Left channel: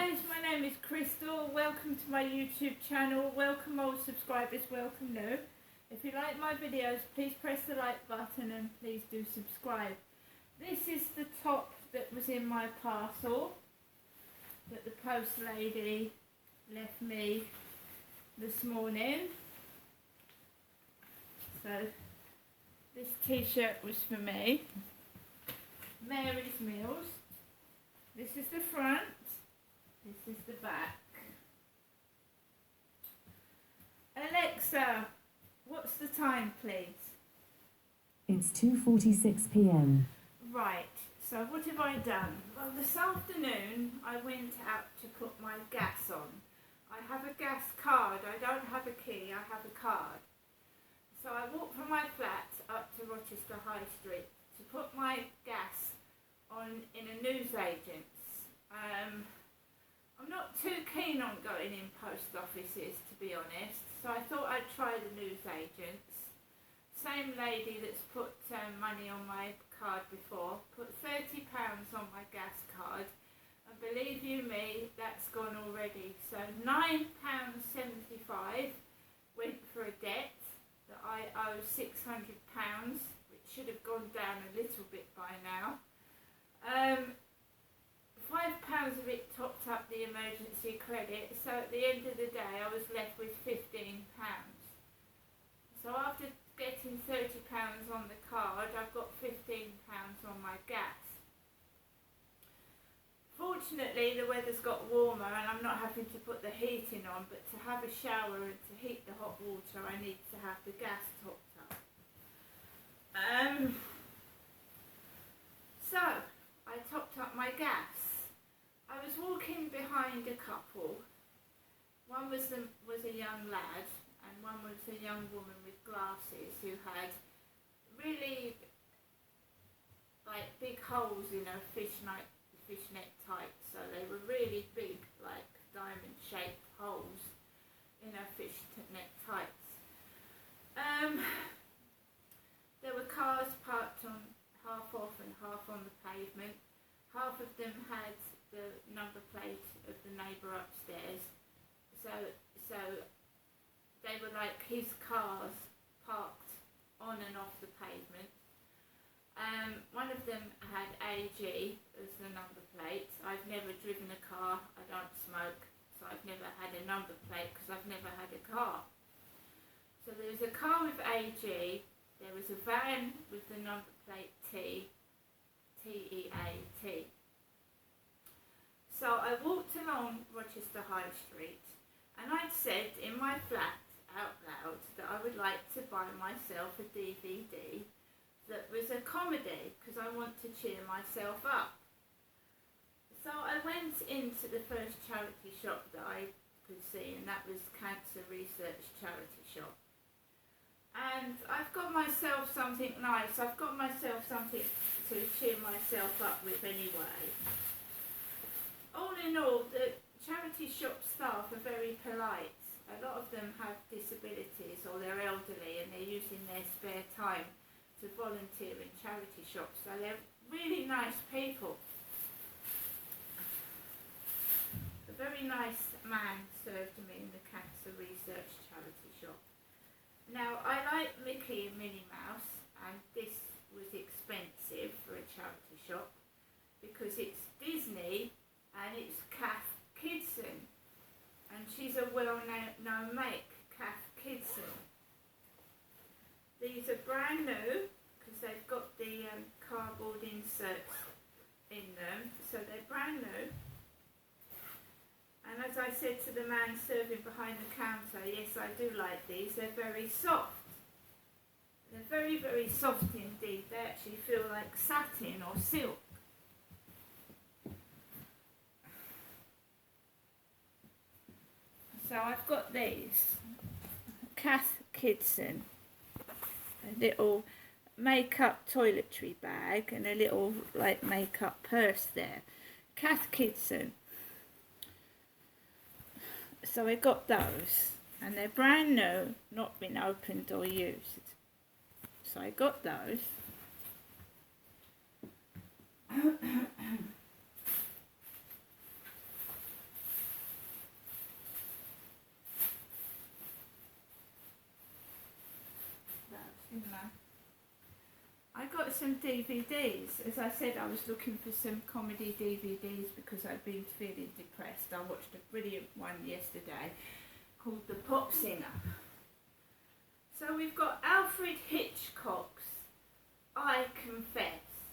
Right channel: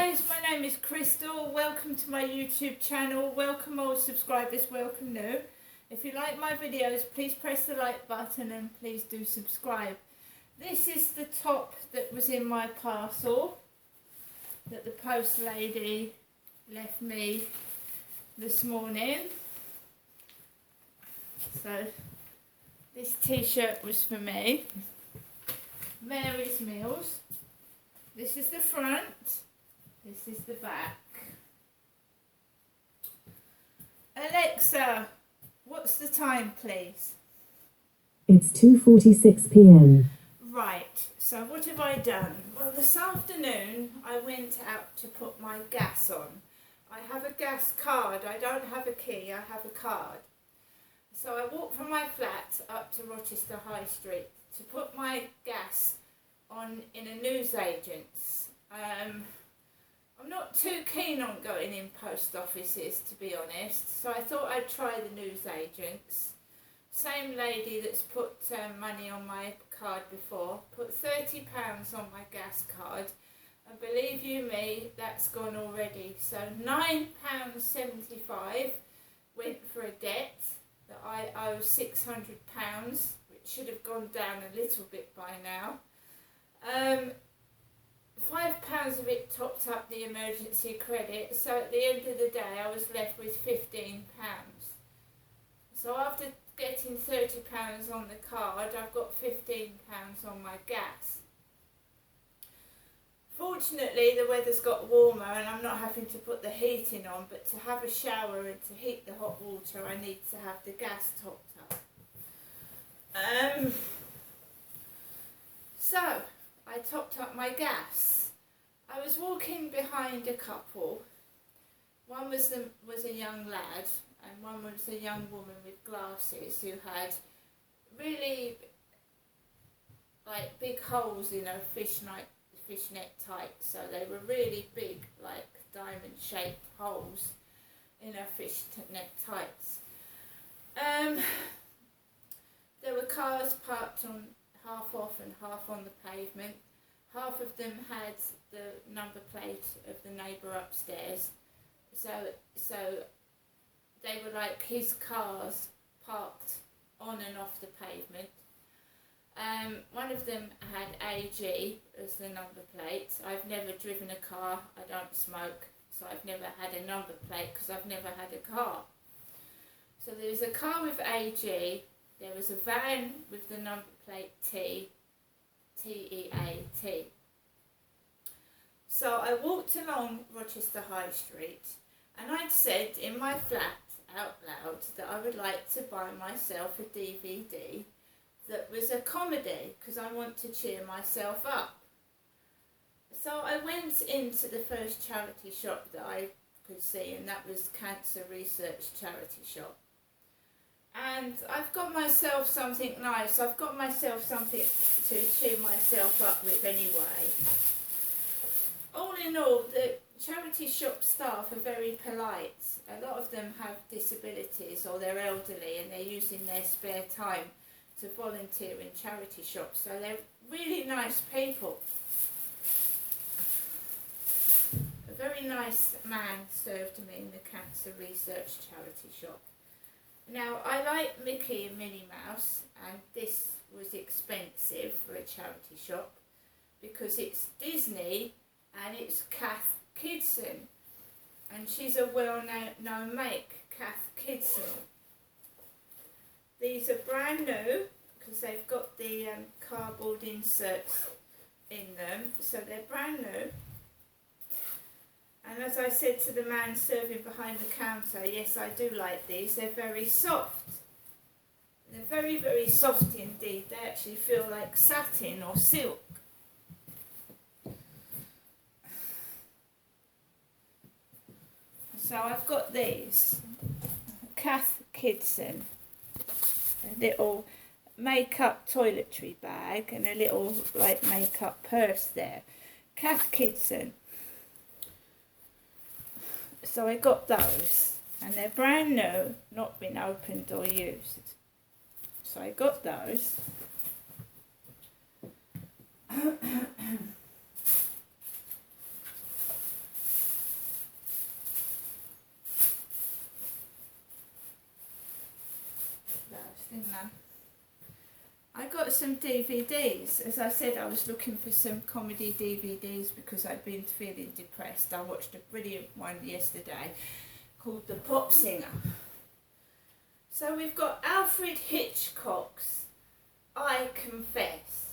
guys, my name is Crystal. Welcome to my YouTube channel. Welcome old subscribers, welcome new. If you like my videos, please press the like button and please do subscribe. This is the top that was in my parcel that the post lady left me this morning. So this t-shirt was for me. Mary's Meals. This is the front. This is the back. Alexa, what's the time, please? It's 2:46 p.m. Right, so what have I done? Well, this afternoon I went out to put my gas on. I have a gas card. I don't have a key, I have a card. So I walked from my flat up to Rochester High Street to put my gas on in a newsagent's. I'm not too keen on going in post offices, to be honest, so I thought I'd try the newsagents. Same lady that's put money on my card before, put £30 on my gas card, and believe you me, that's gone already. So £9.75 went for a debt that I owe £600, which should have gone down a little bit by now. £5 of it topped up the emergency credit, so at the end of the day I was left with £15. So after getting £30 on the card, I've got £15 on my gas. Fortunately the weather's got warmer and I'm not having to put the heating on, but to have a shower and to heat the hot water I need to have the gas topped up. So I topped up my gas. I was walking behind a couple. One was a young lad and one was a young woman with glasses who had really like big holes in her fishnet tights. So they were really big, like diamond shaped holes in her fishnet tights. There were cars parked on half off and half on the pavement. Half of them had the number plate of the neighbour upstairs. So they were like his cars parked on and off the pavement. One of them had AG as the number plate. I've never driven a car, I don't smoke, so I've never had a number plate because I've never had a car. So there was a car with AG, there was a van with the number plate TEAT. So I walked along Rochester High Street and I'd said in my flat out loud that I would like to buy myself a DVD that was a comedy because I want to cheer myself up. So I went into the first charity shop that I could see, and that was Cancer Research Charity Shop. And I've got myself something nice. I've got myself something to cheer myself up with anyway. All in all, the charity shop staff are very polite. A lot of them have disabilities or they're elderly and they're using their spare time to volunteer in charity shops. So they're really nice people. A very nice man served me in the Cancer Research Charity Shop. Now, I like Mickey and Minnie Mouse, and this was expensive for a charity shop because it's Disney and it's Cath Kidston, and she's a well-known make, Cath Kidston. These are brand new because they've got the cardboard inserts in them, so they're brand new. And as I said to the man serving behind the counter, yes, I do like these. They're very soft. They're very, very soft indeed. They actually feel like satin or silk. So I've got these. Cath Kidston. A little makeup toiletry bag and a little like makeup purse there. Cath Kidston. So I got those, and they're brand new, not been opened or used. So I got those. got some DVDs. As I said, I was looking for some comedy DVDs because I'd been feeling depressed. I watched a brilliant one yesterday called The Pop Singer. So we've got Alfred Hitchcock's I Confess.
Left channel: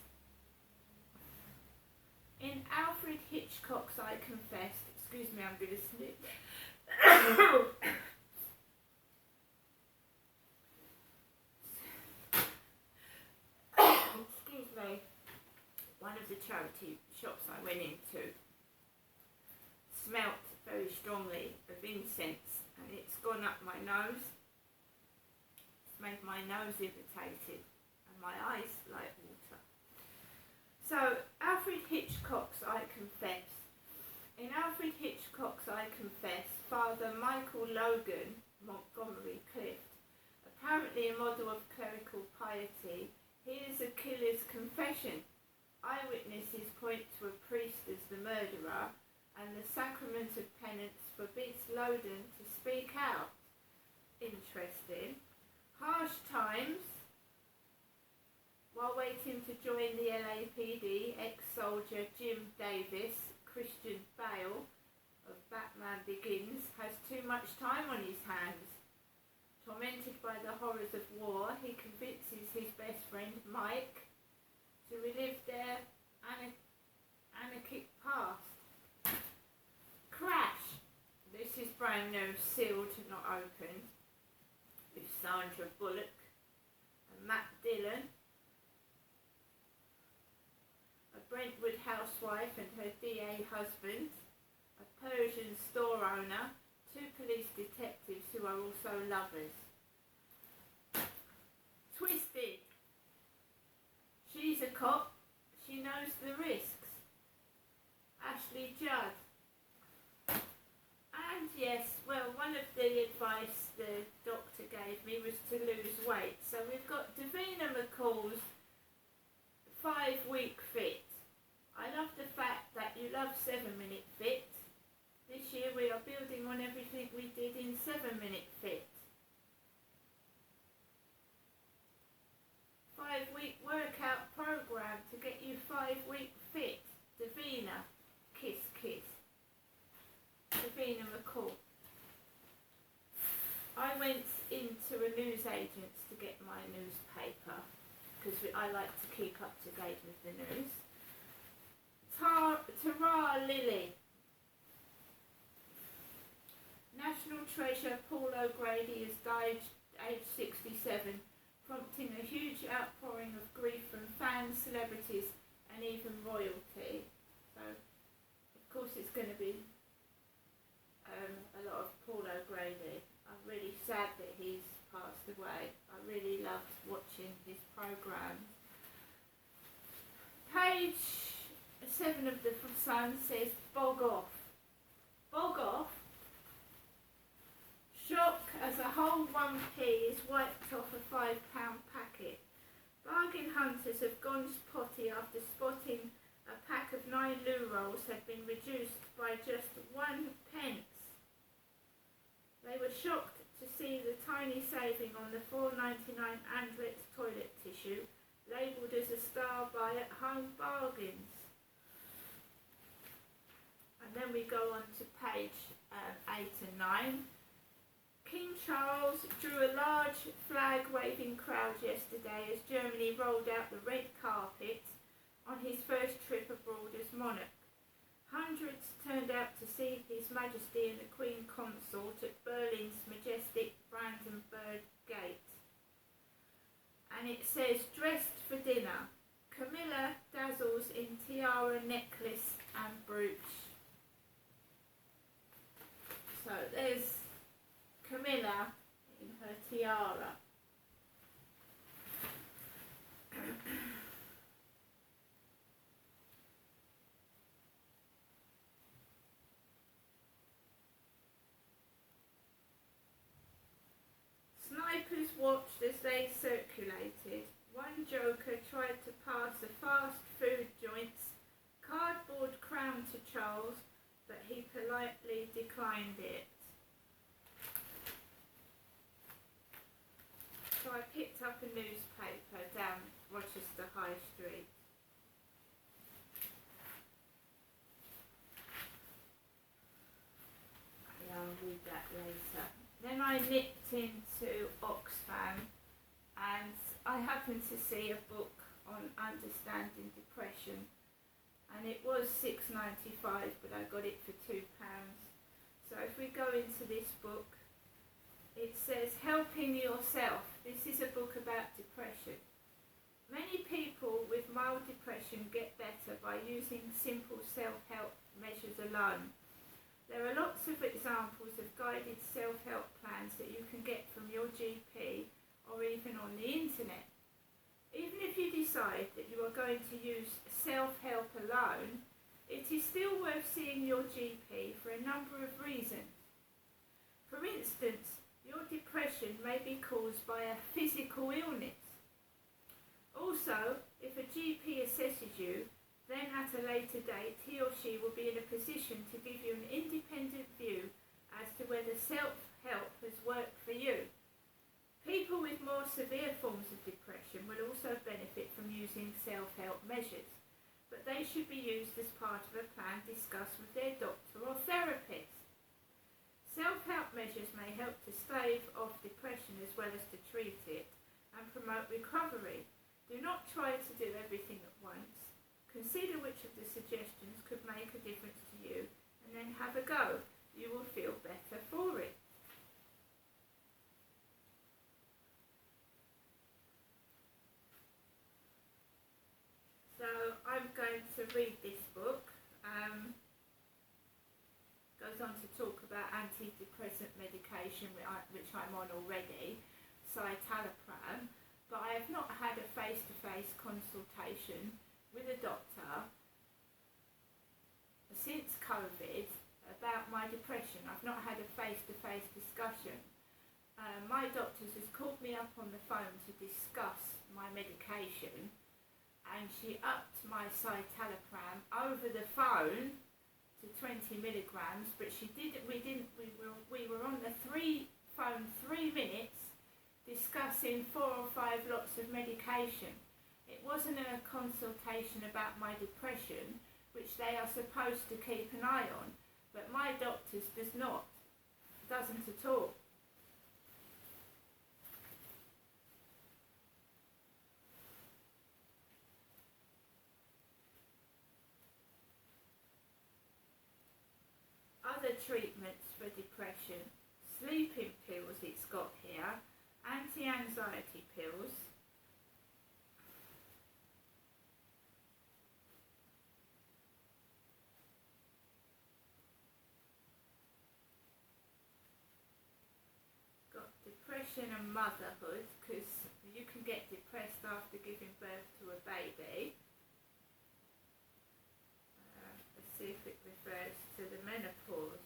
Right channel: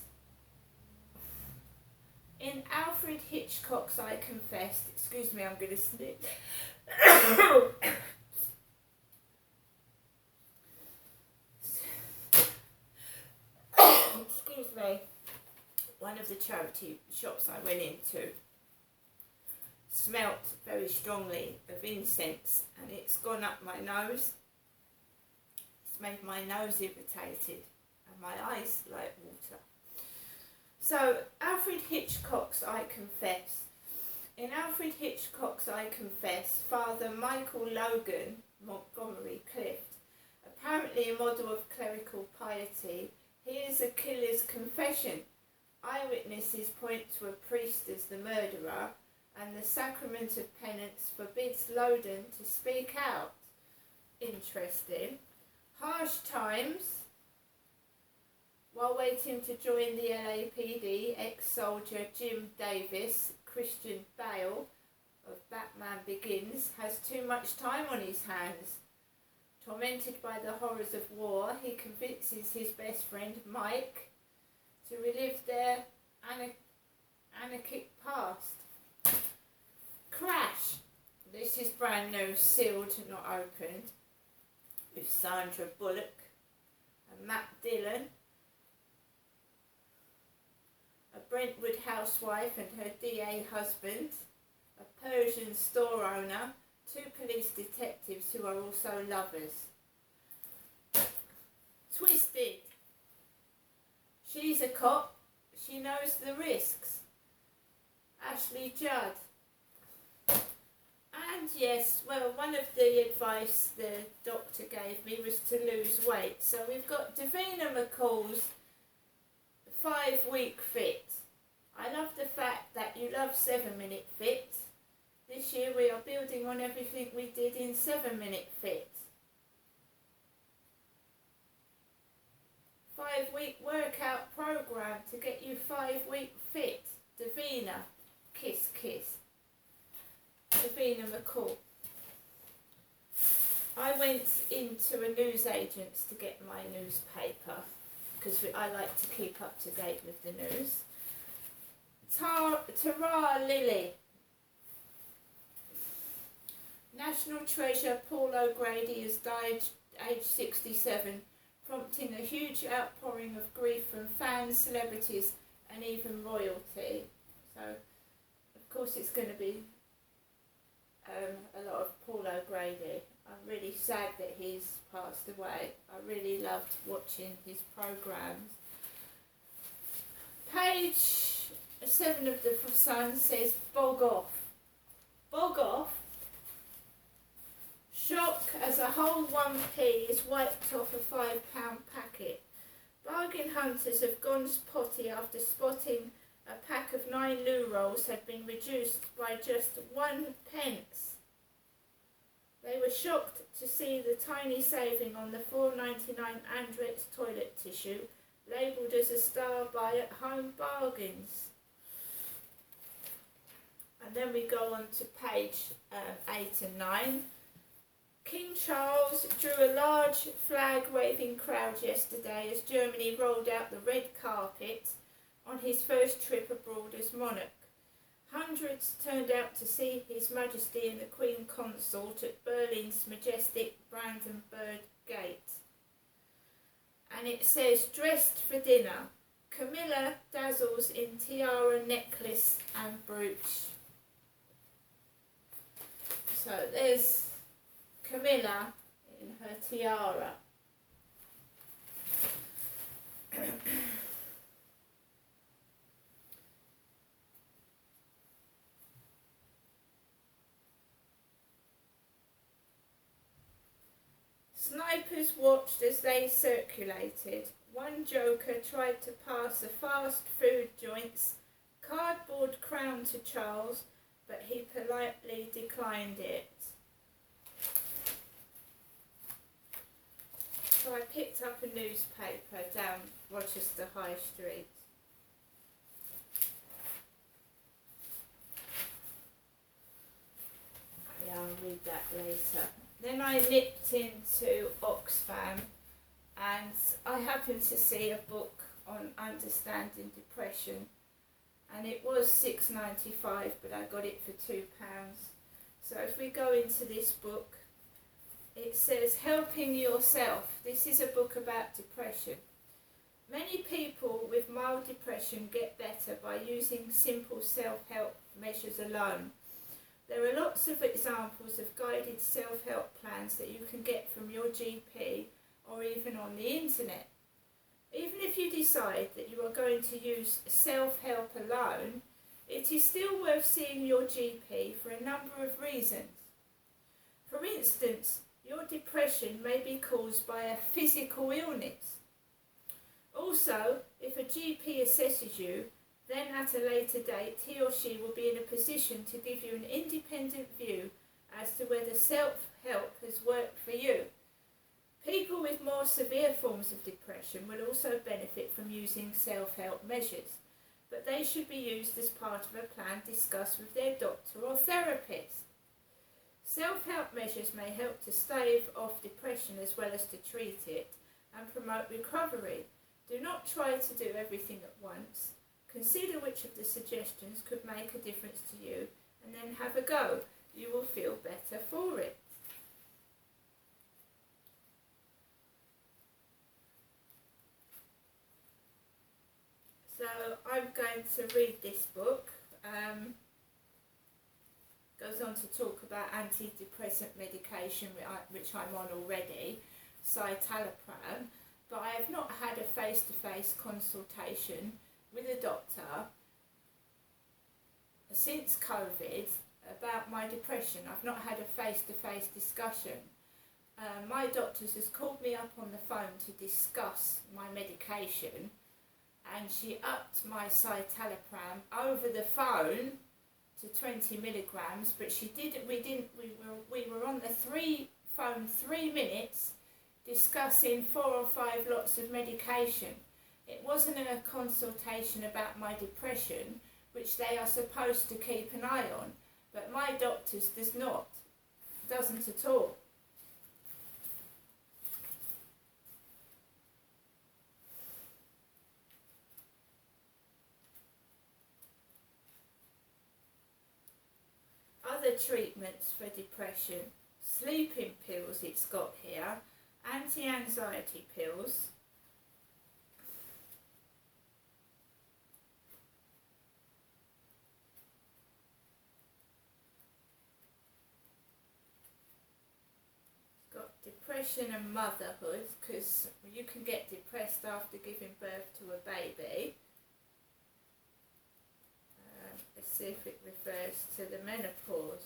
In Alfred Hitchcock's I Confess, excuse me, I'm going to snip. Excuse me. One of the charity shops I went into smelt very strongly of incense, and it's gone up my nose. It's made my nose irritated and my eyes like water. So, Alfred Hitchcock's I Confess. In Alfred Hitchcock's I Confess, Father Michael Logan, Montgomery Clift, apparently a model of clerical piety, hears a killer's confession. Eyewitnesses point to a priest as the murderer, and the sacrament of penance forbids Logan to speak out. Interesting. Harsh times. While waiting to join the LAPD, ex-soldier Jim Davis, Christian Bale of Batman Begins, has too much time on his hands. Tormented by the horrors of war, he convinces his best friend Mike to relive their anarchic past. Crash. This is brand new, sealed, not opened, with Sandra Bullock and Matt Dillon, a Brentwood housewife and her DA husband, a Persian store owner, two police detectives who are also lovers. Twisted. She's a cop. She knows the risks. Ashley Judd. And yes, well, one of the advice the doctor gave me was to lose weight. So we've got Davina McCall's 5-week fit. I love the fact that you love 7-minute fit. This year we are building on everything we did in 7-minute fit. 5-week workout program to get you 5-week fit. Davina, kiss kiss. Davina McCall. I went into a newsagent's to get my newspaper because I like to keep up to date with the news. Tara Lilly. National treasure Paul O'Grady has died aged 67, prompting a huge outpouring of grief from fans, celebrities and even royalty. So, of course it's going to be a lot of Paul O'Grady. I'm really sad that he's passed away. I really loved watching his programmes. Page 7 of the Sun says, bog off. Bog off. Shock as a whole 1p is wiped off a £5 packet. Bargain hunters have gone spotty after spotting a pack of 9 loo rolls had been reduced by just 1 pence. They were shocked to see the tiny saving on the $4.99 Andrex toilet tissue, labelled as a star by At Home Bargains. And then we go on to page 8 and 9. King Charles drew a large flag-waving crowd yesterday as Germany rolled out the red carpet on his first trip abroad as monarch. Hundreds turned out to see His Majesty and the Queen Consort at Berlin's majestic Brandenburg Gate. And it says, dressed for dinner, Camilla dazzles in tiara, necklace and brooch. So there's Camilla in her tiara. Snipers watched as they circulated. One joker tried to pass a fast food joint's cardboard crown to Charles, but he politely declined it. So I picked up a newspaper down Rochester I nipped into Oxfam and I happened to see a book on understanding depression, and it was $6.95, but I got it for £2. So if we go into this book, it says Helping Yourself. This is a book about depression. Many people with mild depression get better by using simple self-help measures alone. There are lots of examples of guided self-help plans that you can get from your GP or even on the internet. Even if you decide that you are going to use self-help alone, it is still worth seeing your GP for a number of reasons. For instance, your depression may be caused by a physical illness. Also, if a GP assesses you, then at a later date he or she will be in a position to give you an independent view as to whether self-help has worked for you. People with more severe forms of depression will also benefit from using self-help measures, but they should be used as part of a plan discussed with their doctor or therapist. Self-help measures may help to stave off depression as well as to treat it and promote recovery. Do not try to do everything at once. Consider which of the suggestions could make a difference to you and then have a go. You will feel better for it. So I'm going to read this book. Goes on to talk about antidepressant medication, which I'm on already, citalopram, but I have not had a face-to-face consultation with a doctor since COVID about my depression. I've not had a face-to-face discussion. My doctor's has called me up on the phone to discuss my medication, and she upped my citalopram over the phone to 20 milligrams, but we were on the phone 3 minutes discussing 4 or 5 lots of medication. It wasn't a consultation about my depression, which they are supposed to keep an eye on, but my doctor's doesn't at all. Other treatments for depression: sleeping pills, it's got here, anti-anxiety pills, it's got depression and motherhood, because you can get depressed after giving birth to a baby. Let's see if it refers to the menopause.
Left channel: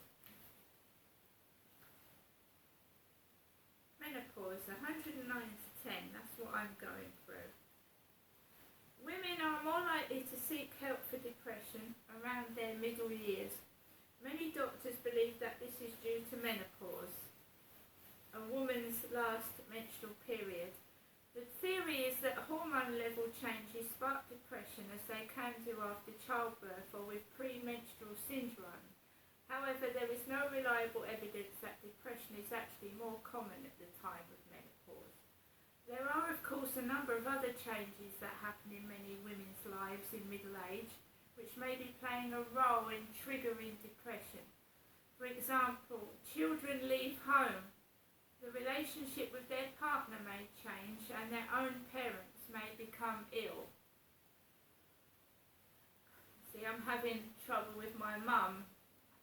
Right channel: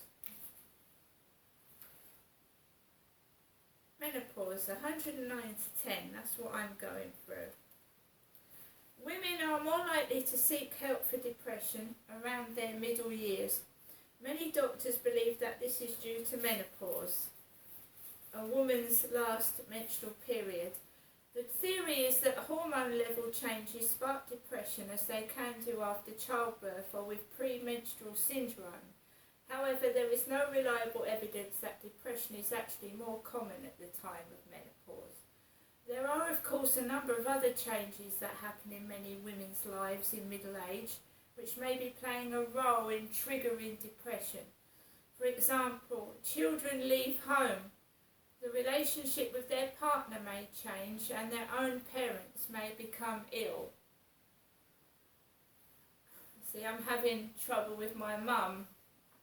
Menopause, 109 to 10, that's what I'm going through. Women are more likely to seek help for depression around their middle years. Many doctors believe that this is due to menopause, a woman's last menstrual period. The theory is that hormone level changes spark depression, as they can do after childbirth or with premenstrual syndrome. However, there is no reliable evidence that depression is actually more common at the time of menopause. There are, of course, a number of other changes that happen in many women's lives in middle age, which may be playing a role in triggering depression. For example, children leave home. The relationship with their partner may change, and their own parents may become ill. See, I'm having trouble with my mum,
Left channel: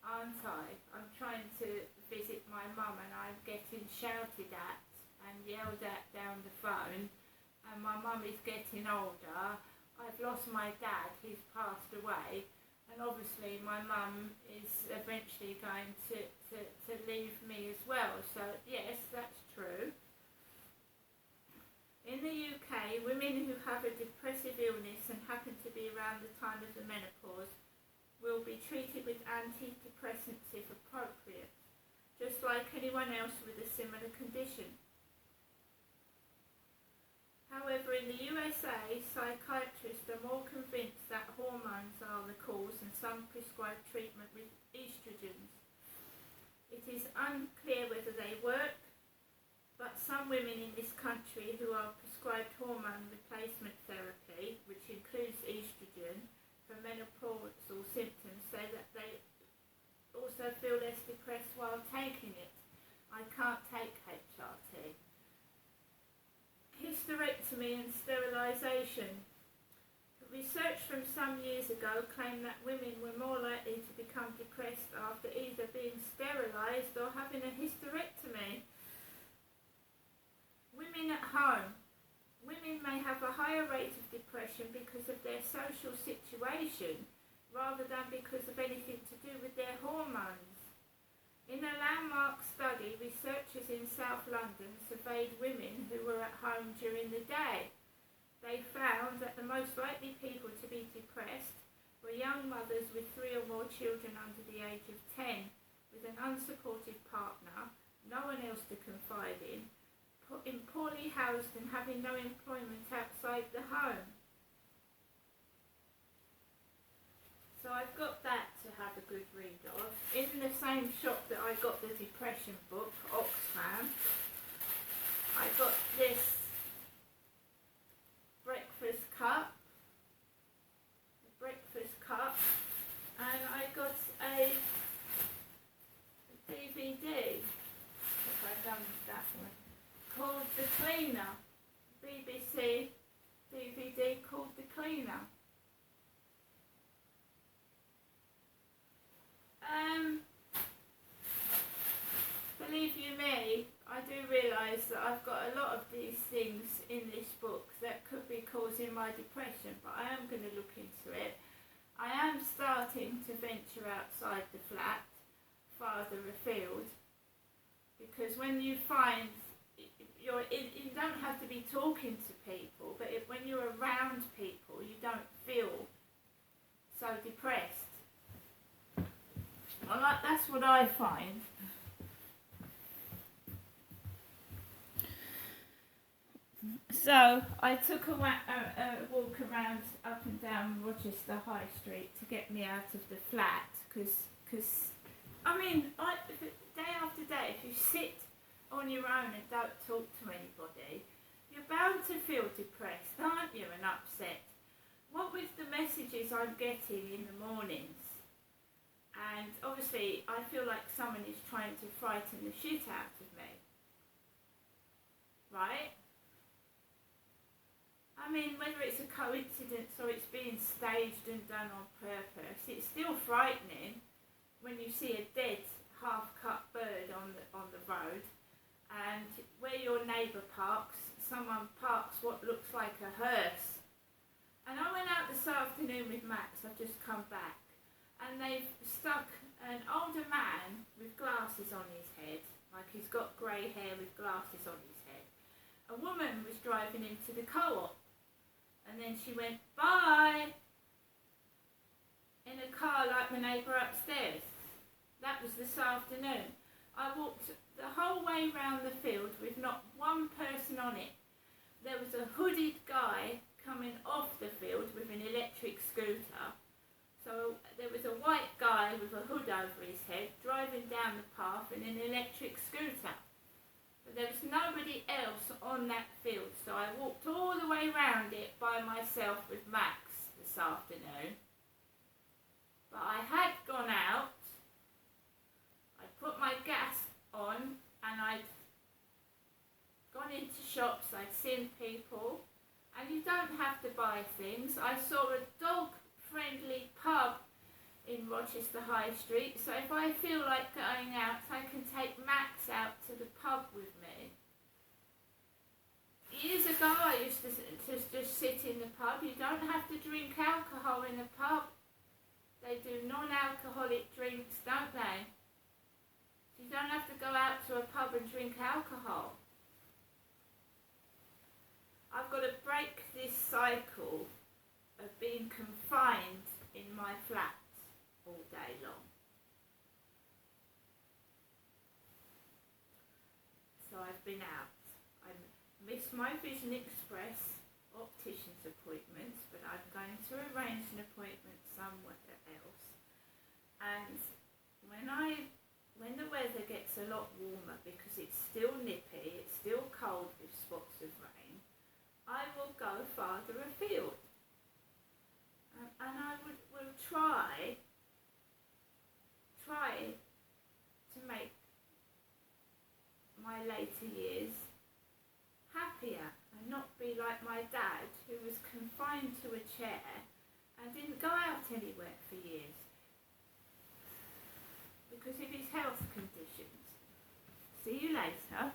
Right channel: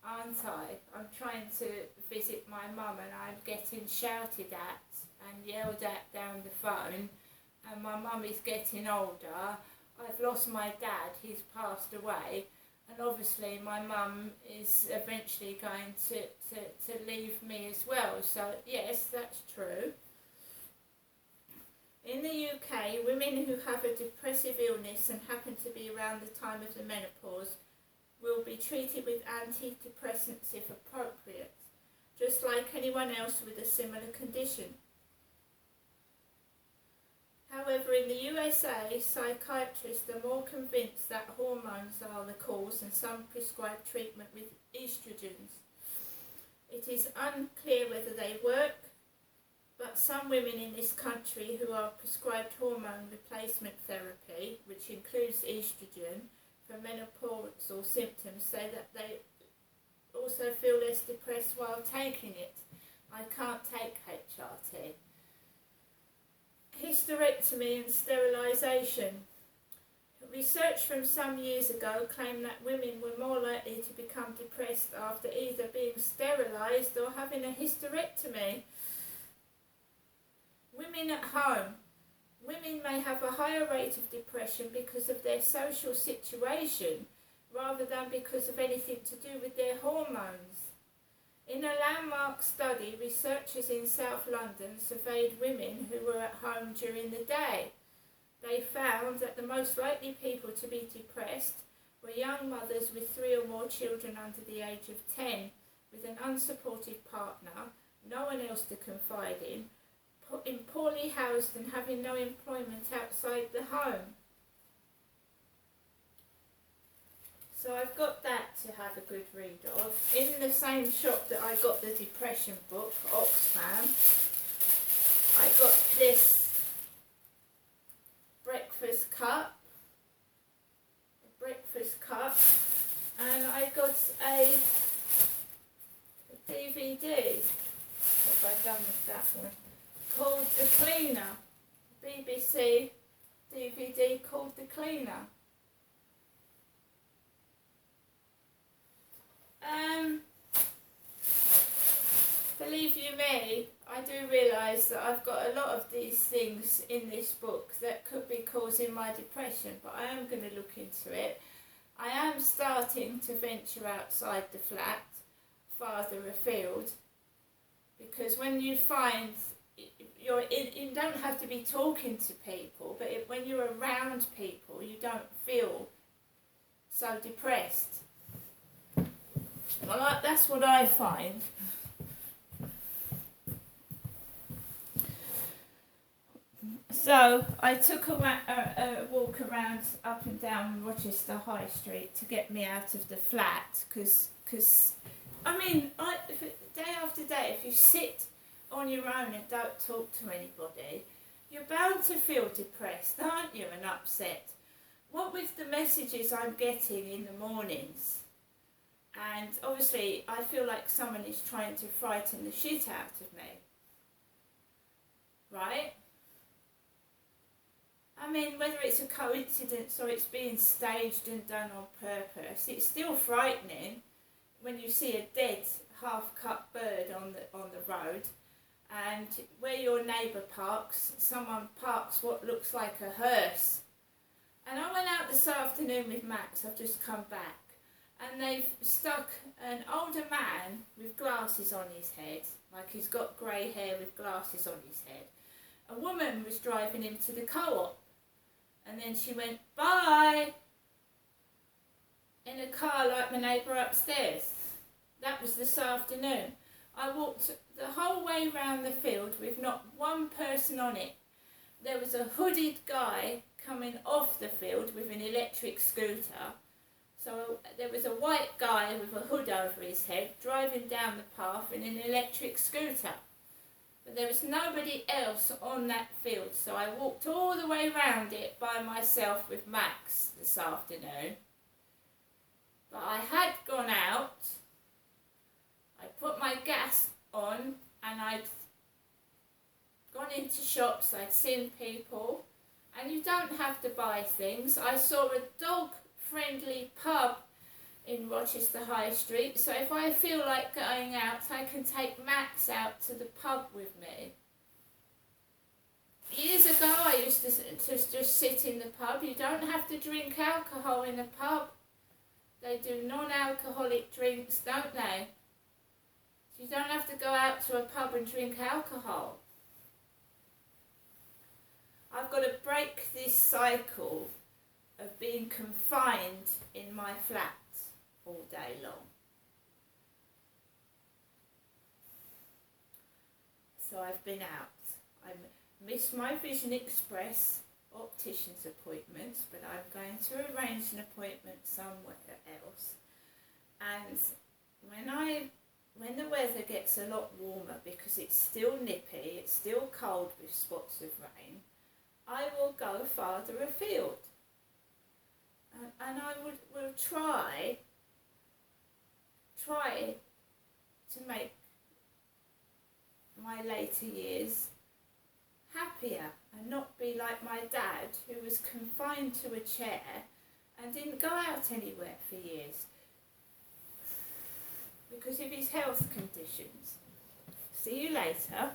aren't I? I'm trying to visit my mum and I'm getting shouted at and yelled at down the phone, and my mum is getting older. I've lost my dad, he's passed away, and obviously my mum is eventually going to leave me as well. So yes, that's true. In the UK, women who have a depressive illness and happen to be around the time of the menopause will be treated with antidepressants if appropriate, just like anyone else with a similar condition. However, in the USA, psychiatrists are more convinced that hormones are the cause, and some prescribe treatment with estrogens. It is unclear whether they work, but some women in this country who are prescribed hormone replacement therapy, which includes estrogen, for menopausal symptoms, say that they also feel less depressed while taking it. I can't take HRT. Hysterectomy and sterilisation. Research from some years ago claimed that women were more likely to become depressed after either being sterilised or having a hysterectomy. Women at home. Women may have a higher rate of depression because of their social situation rather than because of anything to do with their hormones. In a landmark study, researchers in South London surveyed women who were at home during the day. They found that the most likely people to be depressed were young mothers with 3 or more children under the age of 10, with an unsupported partner, no one else to confide in poorly housed and having no employment outside the home. So I've got that to have a good read of. In the same shop that I got the depression book, Oxfam, I got this breakfast cup, and I got a DVD. What have I done with that one? Called The Cleaner. BBC DVD called The Cleaner. Believe you me, I do realise that I've got a lot of these things in this book that could be causing my depression, but I am going to look into it. I am starting to venture outside the flat, farther afield, because when you find you don't have to be talking to people, but when you're around people, you don't feel so depressed. Well, that's what I find. So I took a walk around up and down Rochester High Street to get me out of the flat, because I mean, day after day, if you sit on your own and don't talk to anybody, you're bound to feel depressed, aren't you, and upset. What with the messages I'm getting in the mornings, and obviously I feel like someone is trying to frighten the shit out of me, right? I mean, whether it's a coincidence or it's being staged and done on purpose, it's still frightening when you see a dead, half-cut bird on the road, and where your neighbour parks, someone parks what looks like a hearse. And I went out this afternoon with Max, I've just come back, and they've stuck an older man with glasses on his head, like he's got grey hair with glasses on his head. A woman was driving him to the co-op, and then she went, bye, in a car like my neighbour upstairs. That was this afternoon. I walked the whole way round the field with not one person on it. There was a hooded guy coming off the field with an electric scooter. So there was a white guy with a hood over his head driving down the path in an electric scooter. But there was nobody else on that field, so I walked all the way round it by myself with Max this afternoon. But I had gone out, I put my gas on, and I'd gone into shops, I'd seen people, and you don't have to buy things. I saw a dog-friendly pub in Rochester High Street, so if I feel like going out, I can take Max out to the pub with me. Years ago, I used to just sit in the pub. You don't have to drink alcohol in a pub. They do non-alcoholic drinks, don't they? So you don't have to go out to a pub and drink alcohol. I've got to break this cycle of being confined in my flat all day long. So I've been out. I missed my Vision Express optician's appointments, but I'm going to arrange an appointment somewhere else. And when when the weather gets a lot warmer, because it's still nippy, it's still cold with spots of rain, I will go farther afield. And I will try to make my later years happier and not be like my dad, who was confined to a chair and didn't go out anywhere for years because of his health conditions. See you later.